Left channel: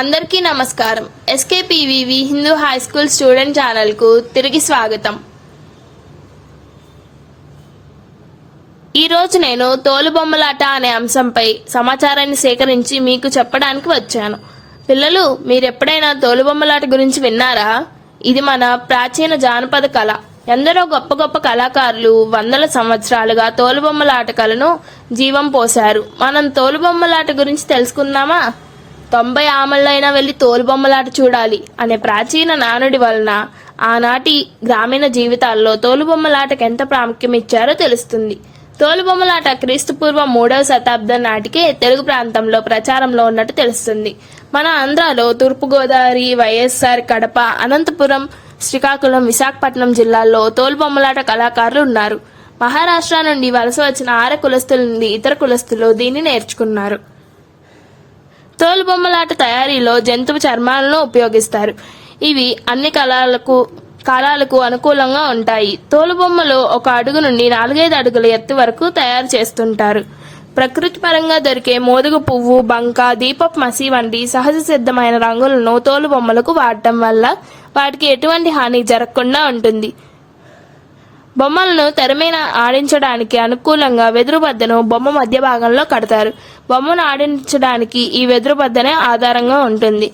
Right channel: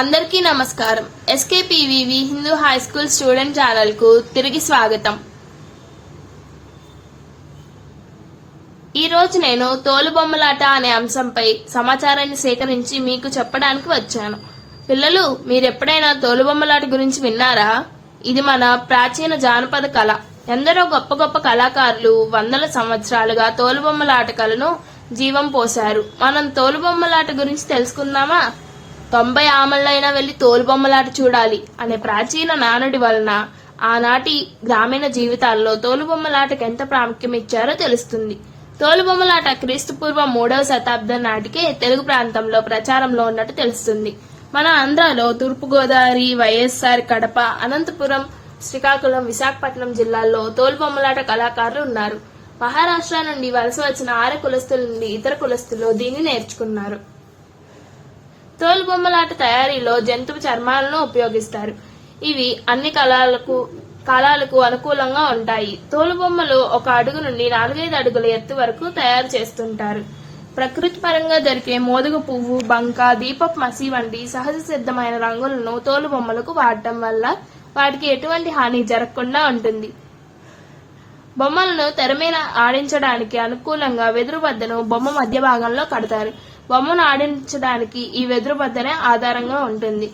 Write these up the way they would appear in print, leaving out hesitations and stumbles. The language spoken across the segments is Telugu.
అందరికీ నమస్కారం. ఎస్కేపీవీవి Hindu high school student channel కు తిరిగి స్వాగతం. ఈ రోజు నేను తోలుబొమ్మలాట అనే అంశంపై సమాచారాన్ని సేకరించి మీకు చెప్పడానికి వచ్చాను. పిల్లలు, మీరెప్పుడైనా తోలుబొమ్మలాట గురించి విన్నారా? ఇది మన ప్రాచీన జానపద కళ. ఎందరో గొప్ప గొప్ప కళాకారులు వందల సంవత్సరాలుగా తోలుబొమ్మలాట కళను జీవం పోశారు. మనం తోలుబొమ్మలాట గురించి తెలుసుకుందామా? 90 ఆమళ్ళైనా వెళ్లి తోలుబొమ్మలాట చూడాలి అనే ప్రాచీన నానుడి వలన ఆనాటి గ్రామీణ జీవితాల్లో తోలుబొమ్మలాటకు ఎంత ప్రాముఖ్యం ఇచ్చారో తెలుస్తుంది. తోలుబొమ్మలాట క్రీస్తుపూర్వం 3వ శతాబ్దం నాటికే తెలుగు ప్రాంతంలో ప్రచారంలో ఉన్నట్టు తెలుస్తుంది. మన ఆంధ్రాలో తూర్పుగోదావరి, వైఎస్ఆర్, కడప, అనంతపురం, శ్రీకాకుళం, విశాఖపట్నం జిల్లాల్లో తోలుబొమ్మలాట కళాకారులు ఉన్నారు. మహారాష్ట్ర నుండి వలస వచ్చిన ఆర్య కులస్తుల నుండి ఇతర కులస్తులు దీన్ని నేర్చుకున్నారు. తోలుబొమ్మలాట తయారీలో జంతువు చర్మాలను ఉపయోగిస్తారు. ఇవి అన్ని కాలాలకు అనుకూలంగా ఉంటాయి. తోలుబొమ్మలు 1 అడుగు నుండి 4-5 అడుగుల ఎత్తు వరకు తయారు చేస్తుంటారు. ప్రకృతి పరంగా దొరికే మోదుగ పువ్వు, బంక, దీపపు మసి వంటి సహజ సిద్ధమైన రంగులను తోలుబొమ్మలకు వాడటం వల్ల వాటికి ఎటువంటి హాని జరగకుండా ఉంటుంది. బొమ్మలను తెరమీద ఆడించడానికి అనుకూలంగా వెదురు బద్దను బొమ్మ మధ్య భాగంలో కడతారు. బొమ్మను ఆడించడానికి ఈ వెదురు బద్దనే ఆధారంగా ఉంటుంది.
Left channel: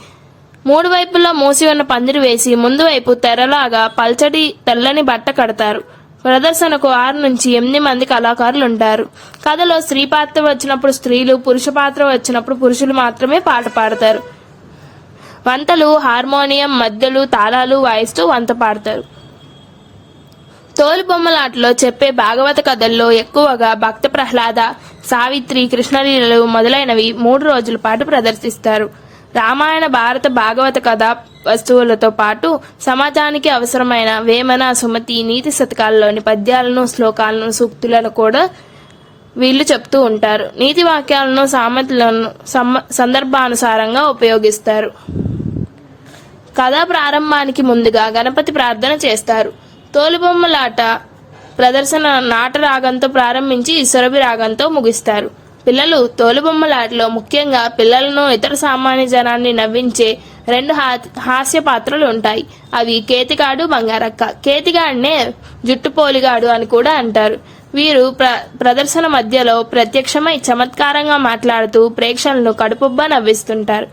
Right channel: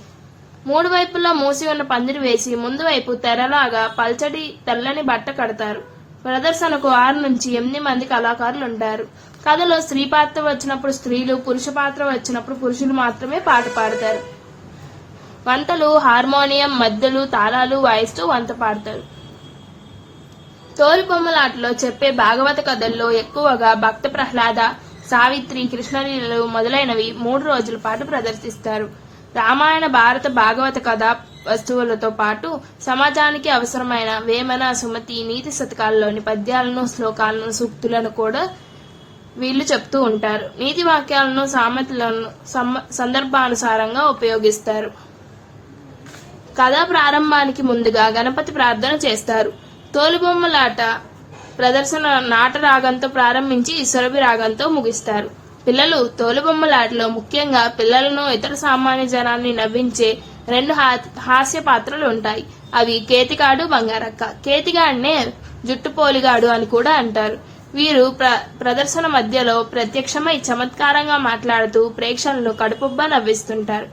3 వైపులా మూసి ఉన్న పందిరి వేసి ముందు వైపు తెరలాగా పల్చటి తెల్లని బట్ట కడతారు. ప్రదర్శనకు 6 నుంచి 8 మంది కళాకారులు ఉంటారు. కథలో స్త్రీ పాత్ర వచ్చినప్పుడు స్త్రీలు, పురుష పాత్ర వచ్చినప్పుడు పురుషులు మాత్రమే పాట పాడతారు. వంతలు, హార్మోనియం, మద్దెలు, తాళాలు వాయిస్తూ వంత పాడతారు. తోలుబొమ్మలాటలో చెప్పే భాగవత కథల్లో ఎక్కువగా భక్త ప్రహ్లాద, సావిత్రి, కృష్ణలీలలు మొదలైనవి 3 రోజుల పాటు ప్రదర్శిస్తారు. రామాయణ, భారత, భాగవత కథ వస్తువులతో పాటు సమాజానికి అవసరమైన వేమన, సుమతి, నీతి శతకాల్లోని పద్యాలను, శ్లోకాలను, సూక్తులను కూడా వీళ్ళు చెప్తూ ఉంటారు. నీతి వాక్యాలను, సామెతలను సందర్భానుసారంగా ఉపయోగిస్తారు. కథ ప్రారంభానికి ముందుగా గణపతి ప్రార్థన చేస్తారు. తోలుబొమ్మలాట ప్రదర్శన నాట రాగంతో ప్రారంభించి సురభి రాగంతో ముగిస్తారు. పిల్లలు, తోలుబొమ్మలాటలో ముఖ్యంగా పిల్లలను, ఇతర సామాన్య జనాన్ని నవ్వించే 2 హాస్య పాత్రలు ఉంటాయి. అవి కేతిగాడు, బంగారక్క. కేతిగాడినే జుట్టుపోలిగాడు అని కూడా అంటారు. వీరు ప్రదర్శన మధ్యలో ప్రత్యక్షమై చమత్కారంగా మాట్లాడుతూ ప్రేక్షకులను కడుపుబ్బా నవ్విస్తుంటారు.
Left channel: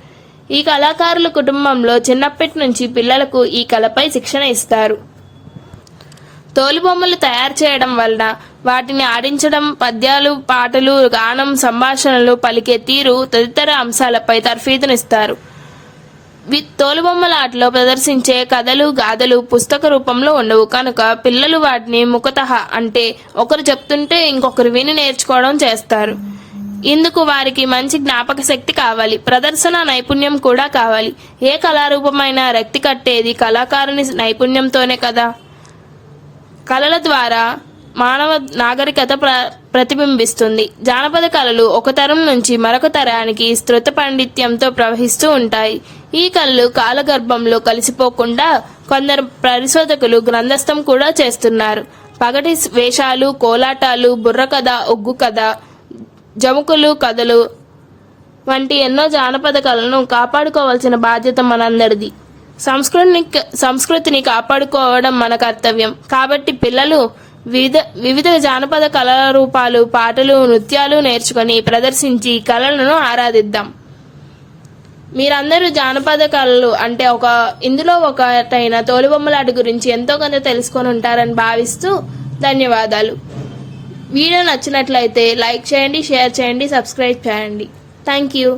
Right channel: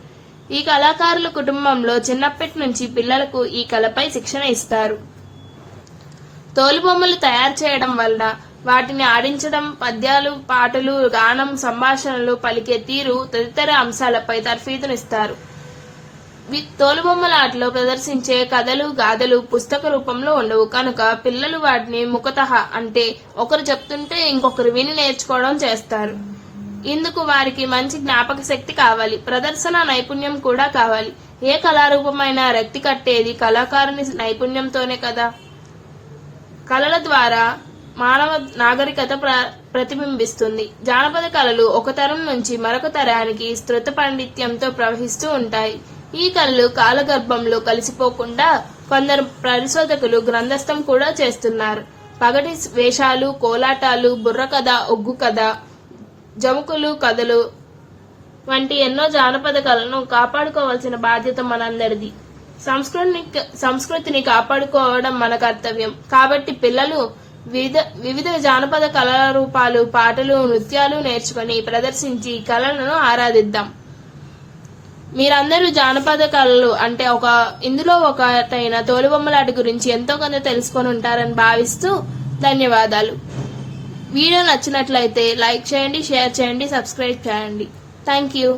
ఈ కళాకారుల కుటుంబంలో చిన్నప్పటి నుంచి పిల్లలకు ఈ కళపై శిక్షణ ఇస్తారు. తోలుబొమ్మలు తయారు చేయడం వలన వాటిని ఆడించడం, పద్యాలు, పాటలు, గానం, సంభాషణలు, పలికే తీరు తదితర అంశాలపై తర్ఫీదునిస్తారు. తోలుబొమ్మలాటలో ప్రదర్శించే కథలు, గాథలు పుస్తక రూపంలో ఉండవు కనుక పిల్లలు వాటిని ముఖతః అంటే ఒకరు చెప్తుంటే ఇంకొకరు విని నేర్చుకోవడం చేస్తారు. ఇందుకు వారికి మంచి జ్ఞాపక శక్తి కావాలి, ప్రదర్శన నైపుణ్యం కూడా కావాలి. ఏ కళారూపమైనా రక్తి కట్టేది కళాకారుని నైపుణ్యంతోనే కదా. కళల ద్వారా మానవ నాగరికత ప్రతిబింబిస్తుంది. జానపద కళలు ఒక తరం నుంచి మరొక తరానికి శృత పాండిత్యంతో ప్రవహిస్తూ ఉంటాయి. ఈ కళలు కాలగర్భంలో కలిసిపోకుండా కొందరు పరిశోధకులు గ్రంథస్థం కూడా చేస్తున్నారు. పగటి వేషాలు, కోలాటాలు, బుర్రకథ, ఒగ్గు కథ, జముకులు కథలు వంటి ఎన్నో జానపద కళలను కాపాడుకోవాల్సిన బాధ్యత మనందరిది. సంస్కృతిని కాపాడుకోవడం మన కర్తవ్యం. కాబట్టి పిల్లలు వివిధ జానపద కళారూపాలు, పాటలు, నృత్యాలు నేర్చుకొని ప్రదర్శించి కళలను ఆరాధిద్దాం. మీరందరూ జానపద కళలు అంటే ఇందులో ఒకటైన తోలుబొమ్మలాట గురించి ఎంతో కొంత తెలుసుకొని ఉంటారని భావిస్తూ ధన్యవాదాలు. వీడియో నచ్చినట్లయితే లైక్ చేయండి, షేర్ చేయండి, సబ్స్క్రైబ్ చేయండి. Thank you.